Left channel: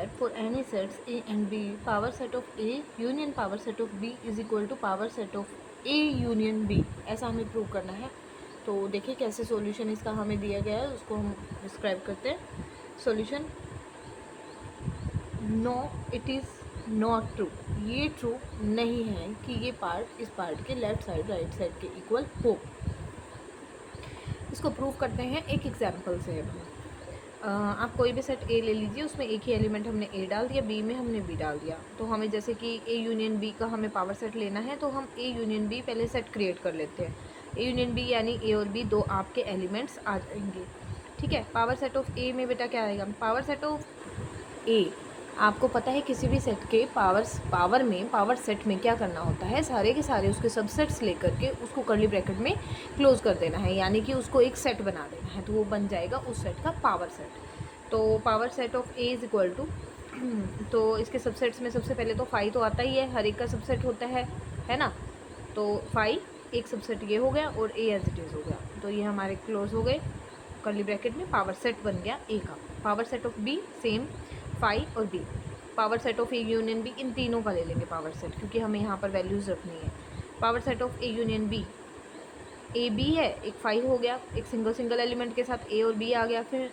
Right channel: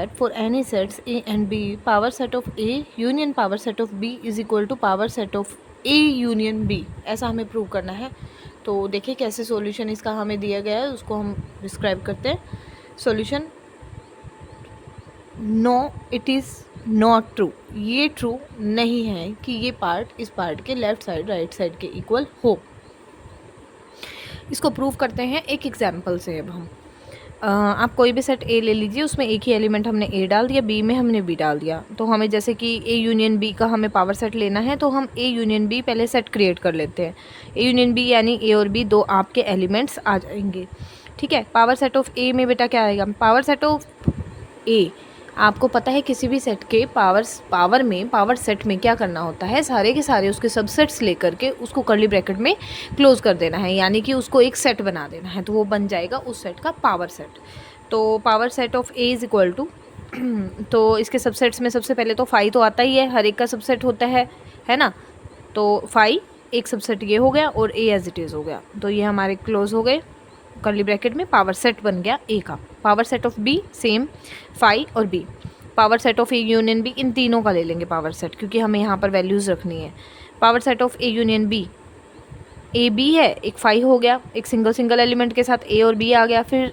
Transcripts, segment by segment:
that for any sets A and B, power set of A union power set of B is equal to power set of A union B, ऐसा हमें prove करना है। तो देखिए कैसे solution इसका हमें दिया गया है, उसको हम डिस्क्राइब करते हैं। Solution, no it is not true, ये ट्रू नहीं है कि ये पार्ट इस पार्ट के लेफ्ट साइड राइट साइड के इक्वल हो। इसको प्रूव करते हैं एक एग्जाम्पल से। अब हम आप कोई भी सेट ए ले लीजिए, उसमें एक ही एलिमेंट हमने ए डाल दिया, बी में हमने बी डाल दिया। तो हमें जैसे कि ए यूनियन बी का हमें पावर सेट लेना है, तो हम ए यूनियन बी पहले सेट क्रिएट कर लेते हैं। ए यूनियन बी यानी ए और बी दो आपके एलिमेंट्स आ जाएंगे। ठीक है, पावर सेट ऑफ ए में बेटा क्या आएगा, पावर सेट ऑफ ए। आपको पता है किसी भी सेट के पावर सेट में क्या करना होता है, सारे के सारे उसके सबसेट्स लेकर के उसको कर्ली ब्रैकेट में क्लोज कर देना है, यानी कि उसको एक सेट बना देना है, तो वो बन जाएगा उस सेट का पावर सेट। तो power set of A is equal to तो इसके सबसेट्स में सबसे पहले तो फाई तो आता ही है, हर एक का सबसेट होता है ना। तो फाई एक सबसेट ये हो गया और ए एज इट इज़ हो गया, तो ये हमारे क्लोज हो गए कर्ली ब्रैकेट में, पावर सेट बन गया ए का। Power set of B same, phi और B. Power set of A union B, इन तीनों का ले लेंगे पावर सेट, क्योंकि हमें यहाँ पर वैल्यूज़ रखनी है। Power set of A union B, A B है, एक फाई हो गया, एक सिंगल एलिमेंट के साथ ए और बी आ गया, फिर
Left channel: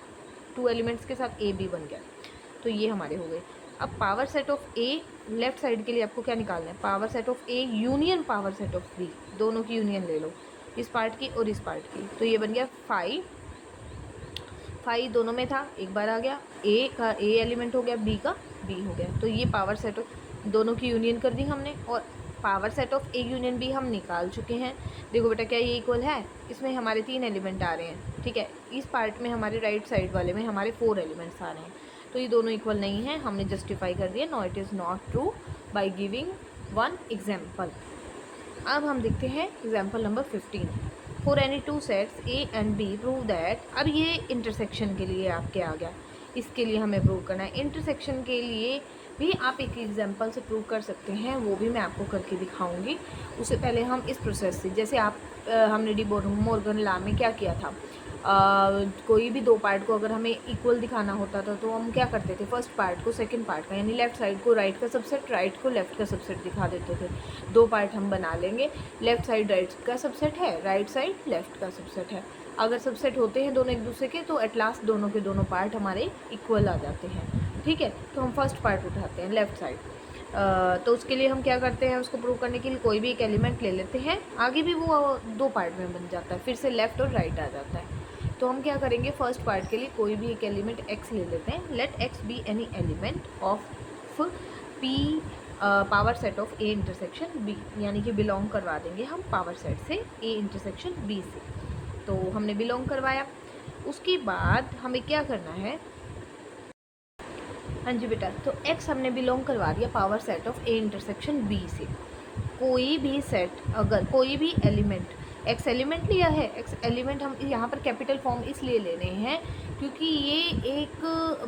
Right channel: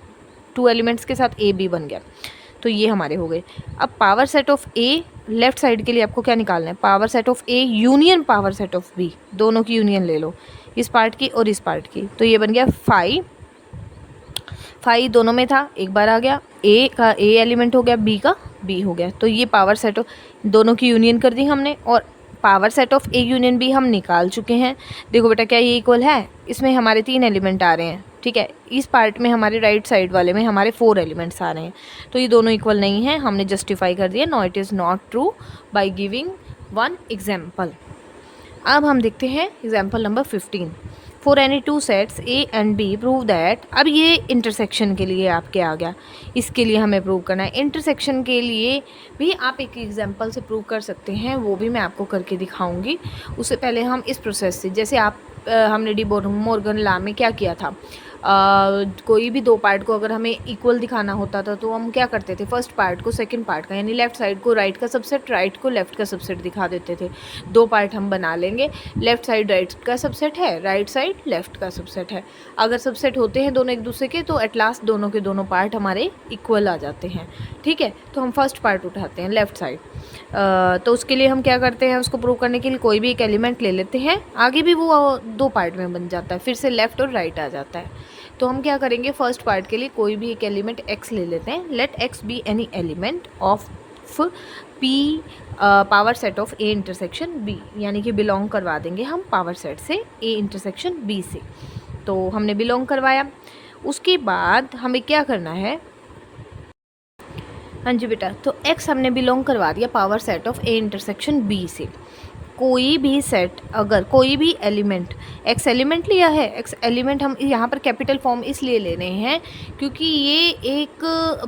टू एलिमेंट्स के साथ ए बी बन गया, तो ये हमारे हो गए। अब power set of A left side के लिए आपको क्या निकालना है, power set of A union power set of B, दोनों की यूनियन ले लो, इस पार्ट की और इस पार्ट की। तो ये बन गया फाई फाई दोनों में था, एक बार आ गया, ए का ए एलिमेंट हो गया, बी का बी हो गया। तो ये पावर सेट ऑफ दोनों की यूनियन कर दी हमने, और power set of A union B हम निकाल चुके हैं। देखो बेटा क्या ये इक्वल है, इसमें हमारे 3 एलिमेंट आ रहे हैं। ठीक है, इस पार्ट में हमारे राइट साइड वाले में हमारे 4 एलिमेंट्स आ रहे हैं, तो ये दोनों इक्वल नहीं है, हमने जस्टिफाई कर दिया no it is not true by giving one example. अब हम देखते हैं example number 15। For any two sets A and B prove that. अब ये इंटरसेक्शन के लिए आपके आ गया, इसके लिए हमें प्रूव करना है। इंटरसेक्शन के लिए भी आप एक एग्जांपल से प्रूव कर सकते हैं, वो भी मैं आपको करके दिखाऊंगी। उससे पहले हम इस प्रोसेस से, जैसे आप हमने डी मॉर्गन लॉ में क्या किया था, कोई भी दो पार्ट को अगर हमें इक्वल दिखाना होता था तो हम क्या करते थे, फर्स्ट पार्ट को सेकंड पार्ट का, यानी लेफ्ट साइड को राइट का सबसेट, राइट को लेफ्ट का सबसेट दिखा देते थे। दो पार्ट हम बना लेंगे, लेफ्ट साइड राइट का सबसेट है, राइट साइड लेफ्ट का सबसेट है। अगर सबसेट होते हैं दोनों एक दूसरे के, तो एट लास्ट दोनों के दोनों पार्ट हमारे इक्वल आ जाते हैं। ठीक है, तो हम फर्स्ट पार्ट उठाते हैं लेफ्ट साइड। तो उसके लिए हम क्या करते हैं, उसको प्रूव करने के लिए कोई भी एक एलिमेंट ले लेते हैं, आगे भी वो दो पार्ट में बन जाता है, फिर से लेफ्ट और राइट आ जाता है। तो हम क्या करेंगे, फर्स्ट पार्ट के लिए कोई भी एक एलिमेंट x ले लेते हैं। Let x be any element of p power set of a intersection b, यानी कि बिलोंग करवा देंगे हम पावर सेट से a इंटरसेक्शन b से। तो हमने बिलोंग करवाया, उसके बाद हमें क्या करना है, हाँ जी बेटा, तो x हमने बिलोंग करवा दिया power set of a intersection b से। कोई भी सेट, अगर कोई भी एलिमेंट, एक्स एलिमेंट लिया है, एक्स एलिमेंट हम यहाँ पर कैपिटल फॉर्म इसलिए ले रहे हैं क्योंकि ये एक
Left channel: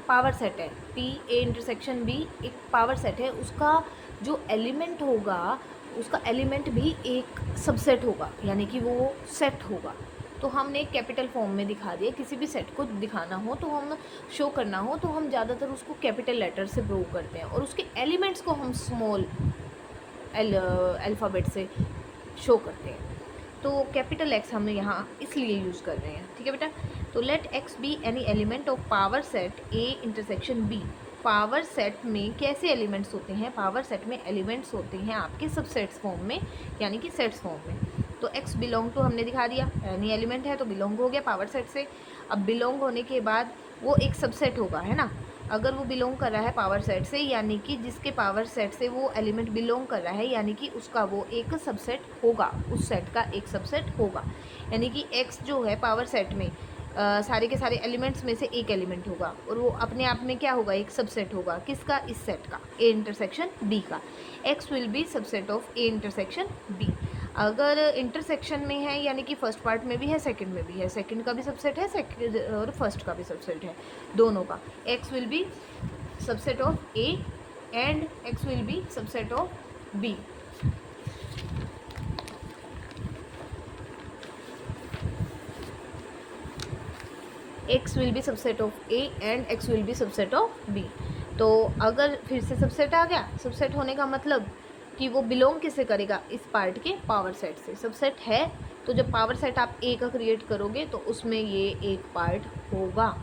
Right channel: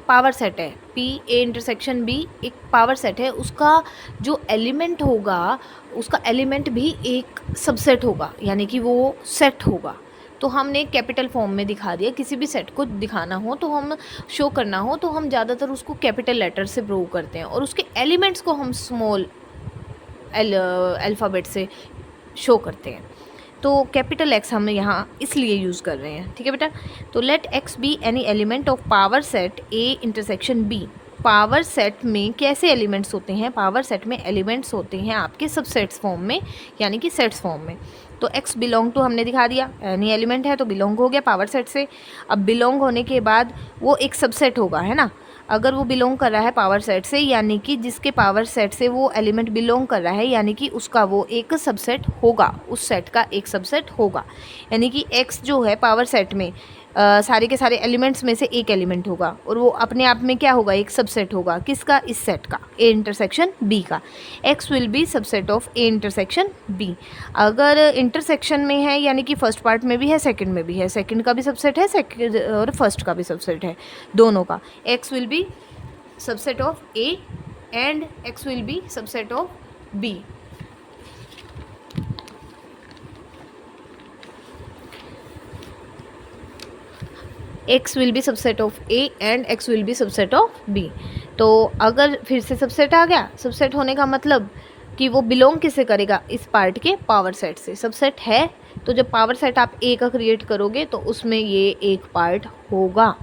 पावर सेट है, पी ए इंटरसेक्शन बी एक पावर सेट है, उसका जो एलिमेंट होगा उसका एलिमेंट भी एक सबसेट होगा, यानी कि वो सेट होगा। तो हमने कैपिटल फॉर्म में दिखा दिया, किसी भी सेट को दिखाना हो तो हम शो करना हो तो हम ज़्यादातर उसको कैपिटल लेटर से प्रूव करते हैं, और उसके एलिमेंट्स को हम स्मॉल अल्फ़ाबेट से शो करते हैं। तो कैपिटल एक्स हम यहाँ इसलिए यूज़ कर रहे हैं। ठीक है बेटा, तो let X be any element of power set A intersection B. Power set में कैसे एलिमेंट्स होते हैं, पावर सेट में एलिमेंट्स होते हैं आपके सबसेट्स फॉर्म में, यानी कि सेट्स फॉर्म में। तो एक्स बिलोंग टू हमने दिखा दिया, एनी एलिमेंट है तो बिलोंग हो गया पावर सेट से। अब बिलोंग होने के बाद वो एक सबसेट होगा, है ना। अगर वो बिलोंग कर रहा है पावर सेट से, यानी कि जिसके पावर सेट से वो एलिमेंट बिलोंग कर रहा है, यानी कि उसका वो एक सबसेट होगा, उस सेट का एक सबसेट होगा। यानी कि एक्स जो है पावर सेट में सारे के सारे एलिमेंट्स में से एक एलिमेंट होगा, और वो अपने आप में क्या होगा, एक सबसेट होगा, किसका, इस सेट का, ए इंटरसेक्शन बी का। X will be subset of A intersection B. अगर इंटरसेक्शन में है, यानी कि फर्स्ट पार्ट में भी है, सेकंड में भी है, सेकंड का भी सबसेट है, सेकंड और फर्स्ट का भी सबसेट है, दोनों का। X will be subset of A and X will be subset of B. x will be subset of A and x will be subset of B। तो अगर फिर से सबसेट आ गया, सबसेट होने का मतलब कि वो बिलोंग किससे करेगा, इस पार्ट के पावर सेट से। सबसेट है तो जब पावर सेट आप ए का क्रिएट करोगे तो उसमें ये एक पार्ट होगा,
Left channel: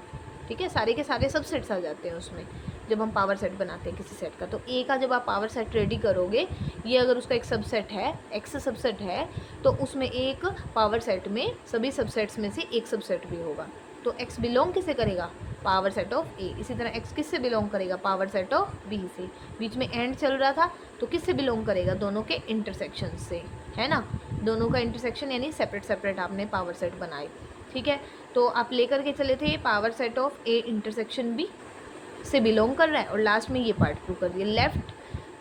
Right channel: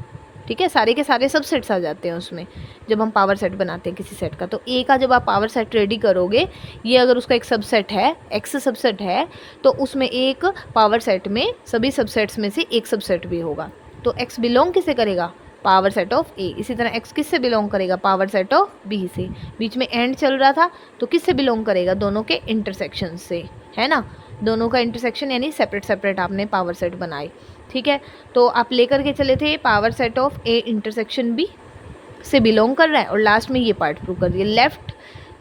ठीक है। सारे के सारे सबसेट्स आ जाते हैं उसमें जब हम पावर सेट बनाते हैं किसी सेट का। तो ए का जब आप पावर सेट रेडी करोगे, ये अगर उसका एक सबसेट है, एक्स सबसेट है, तो उसमें एक पावर सेट में सभी सबसेट्स में से एक सबसेट भी होगा। तो एक्स बिलोंग किसे करेगा, पावर सेट ऑफ ए। इसी तरह एक्स किससे बिलोंग करेगा, पावर सेट ऑफ बी से। बीच में एंड चल रहा था तो किससे बिलोंग करेगा, दोनों के इंटरसेक्शन से, है ना। दोनों का इंटरसेक्शन यानी सेपरेट सेपरेट आपने पावर सेट बनाए, ठीक है। तो आप लेकर के चले थे power set of A intersection B से बिलोंग कर रहा है, और लास्ट में ये पार्ट प्रूव कर दिया। लेफ्ट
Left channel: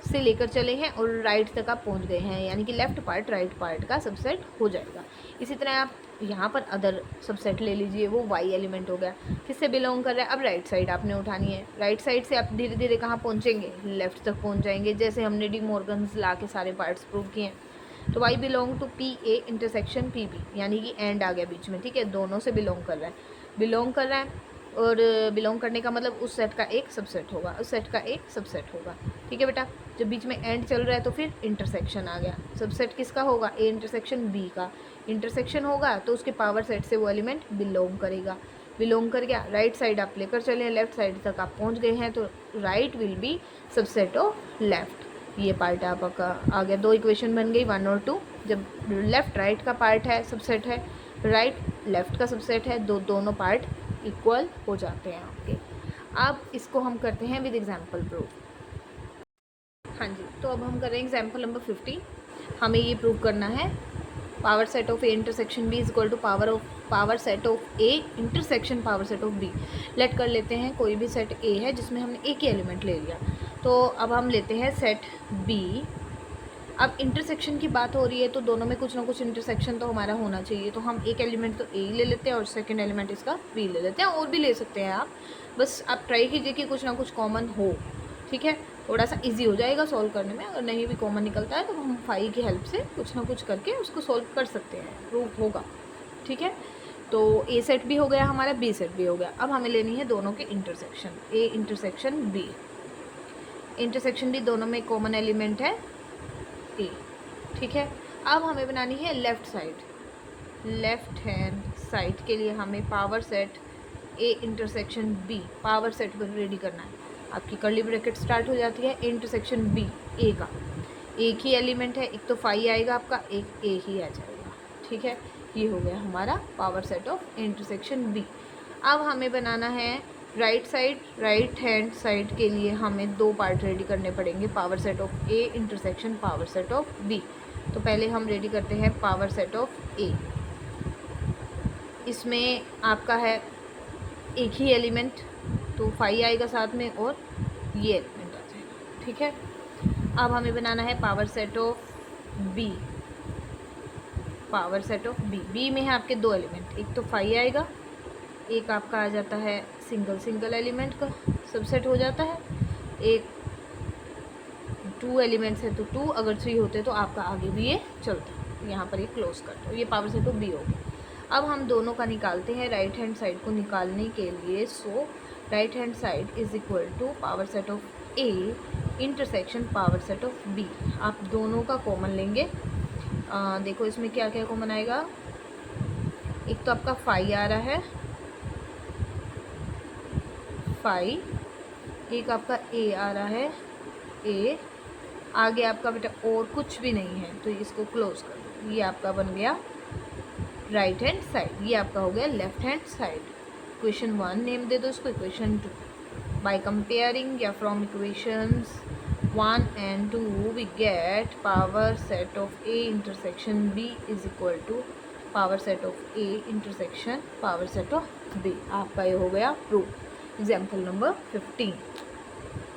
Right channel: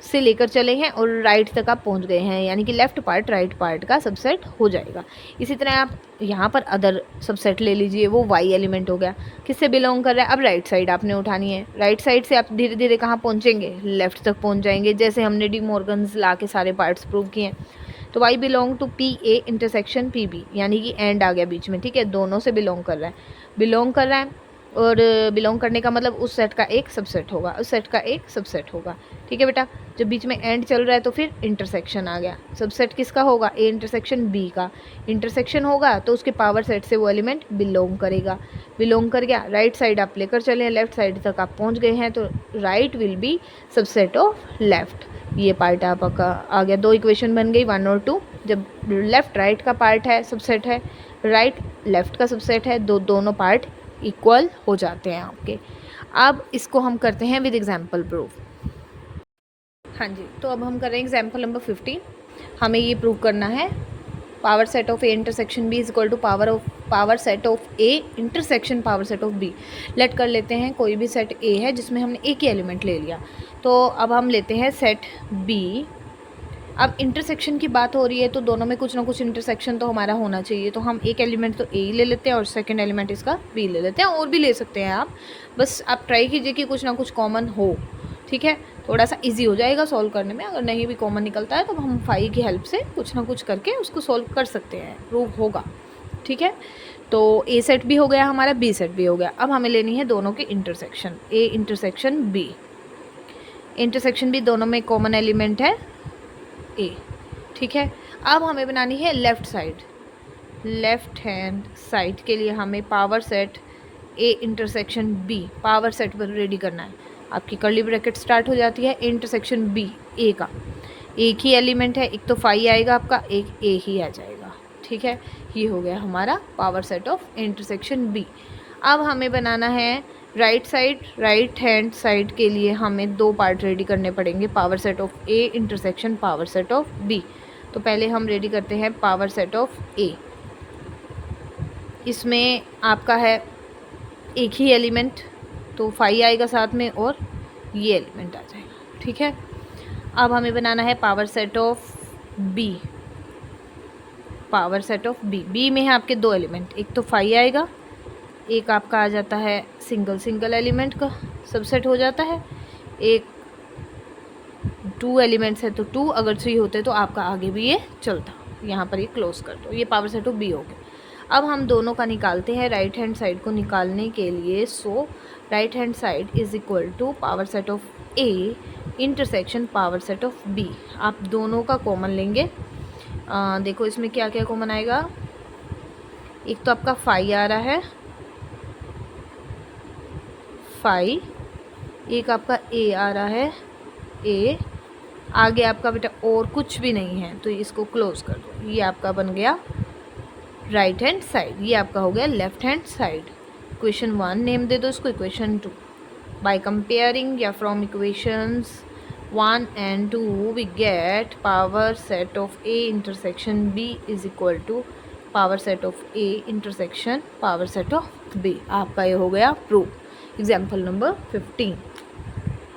से लेकर चले हैं और राइट तक आप पहुंच गए हैं, यानी कि लेफ्ट पार्ट राइट पार्ट का सबसेट हो जाएगा। इसी तरह आप यहाँ पर अदर सबसेट ले लीजिए, वो वाई एलिमेंट हो गया, किससे बिलोंग कर रहा है। अब राइट साइड आपने उठानी है, राइट साइड से आप धीरे धीरे कहाँ पहुँचेंगे, लेफ्ट तक पहुँच जाएंगे, जैसे हमने डी मॉर्गन्स ला के सारे पार्ट्स प्रूव किए हैं। तो Y belong to P A intersection P B, यानी कि एंड आ गया बीच में, ठीक है। दोनों से बिलोंग कर रहा है, बिलोंग कर रहा है, और बिलोंग करने का मतलब उस सेट का एक सबसेट होगा, उस सेट का एक सबसेट होगा, ठीक है बेटा। जब बीच में एंड चल रहा है तो फिर इंटरसेक्शन आ गया, सबसेट किसका होगा, ए इंटरसेक्शन बी का। इंटरसेक्शन होगा तो उसके पावर सेट से वो एलिमेंट बिलोंग करेगा, बिलोंग कर गया। राइट साइड आप लेकर चले, लेफ्ट साइड तक आप पहुंच गए हैं, तो right will be subset of left. ये पार्ट आपका आ गया, दो इक्वेशन बन गई 1 और 2। जब लेफ्ट राइट का पार्ट है, सबसेट है, राइट लेफ्ट का सबसेट है, दोनों पार्ट इक्वल हो जाते हैं आपके। अब इसको हम करते हैं विद एग्जाम्पल प्रूफ। हाँ जी, तो अब हम कर रहे हैं एग्जाम्पल नंबर 15। हमें ये प्रूव करना है power set of A intersection B is equal to power set of A intersection power set of B. Let कर लेते हैं कोई भी सेट ए है जिसमें हमने एक ही एलिमेंट ले लिया। तो अब हम लेते हैं सेट बी। अब इंटरसेक्शन की बात हो रही है तो दोनों में कुछ ना कुछ इंटरसेक्शन तो हमारा होना चाहिए, तो हम एक एलिमेंट तो ए ही ले लेते हैं और सेकंड एलिमेंट इसका बी ले लेते हैं, और भी ले सकते हैं आप, बस आप ट्राई कीजिए कि कुछ ना कुछ कॉमन हो, ठीक है। थोड़ा सा इजी हो जाएगा सॉल्व करने में। अगर नहीं भी कॉमन निकलता है तो हम फाई की हेल्प से कुछ ना कुछ करके उसको सॉल्व कर सकते हैं, प्रूव होगा, ठीक है। तो ए सेट भी हो गया हमारा, बी सेट भी हो गया। अब हमें लेनी है दोनों के intersection, A intersection B. Intersection B दोनों में कॉमन एलिमेंट है ए, ठीक है। अब हमें बनानी है left side, left hand side के लिए हमें power set A intersection B power set पर रेडी करना है। आपकी कर्ली ब्रैकेट स्टार्ट हो जाती है, इंटरसेक्शन बी ए का एक ही एलिमेंट है, एक तो फाई आएगा आपका, एक ए ही आ जाएगा, ठीक है। ये हो गया हमारा power set of intersection B. अब हमें बनाना है right side, right hand side के लिए हमें दो पार्ट रेडी करने पड़ेंगे, power set of A intersection power set of B. तो पहले हम रेडी करते हैं पावर सेट ऑफ ए। इसमें आपका है एक ही एलिमेंट, तो फाई आएगा साथ में और ये एलिमेंट आ जाएगा, ठीक है। अब हमें बनाना है power set of B, power set of B. B में है आपके दो एलिमेंट, एक तो फाई आएगा, एक आपका आ जाता है सिंगल एलिमेंट का सबसेट हो जाता है, एक 2 एलिमेंट्स है तो 2, अगर 3 होते तो आपका आगे भी ये चलता। यहाँ पर ये क्लोज कर दो, ये पावर सेट ऑफ बी हो गया। अब हम दोनों का निकालते हैं राइट हैंड साइड को निकालने के लिए। So right hand side is equal to power set of A intersection power set of B. आप दोनों का कॉमन लेंगे। देखो इसमें क्या क्या कॉमन आएगा, एक तो आपका फाई आ रहा है, फाई, एक आपका ए आ रहा है, ए, आगे आपका बेटा और कुछ भी नहीं है तो इसको क्लोज कर दो। ये आपका बन गया राइट हैंड साइड, ये आपका हो गया left hand side. Equation 1 name दे दो इसको, इक्वेशन 2। बाय कंपेयरिंग या from equations 1 and 2 we get power set of A intersection B is equal to power set of A intersection power set of B. आपका ये हो गया proof. Example number 15।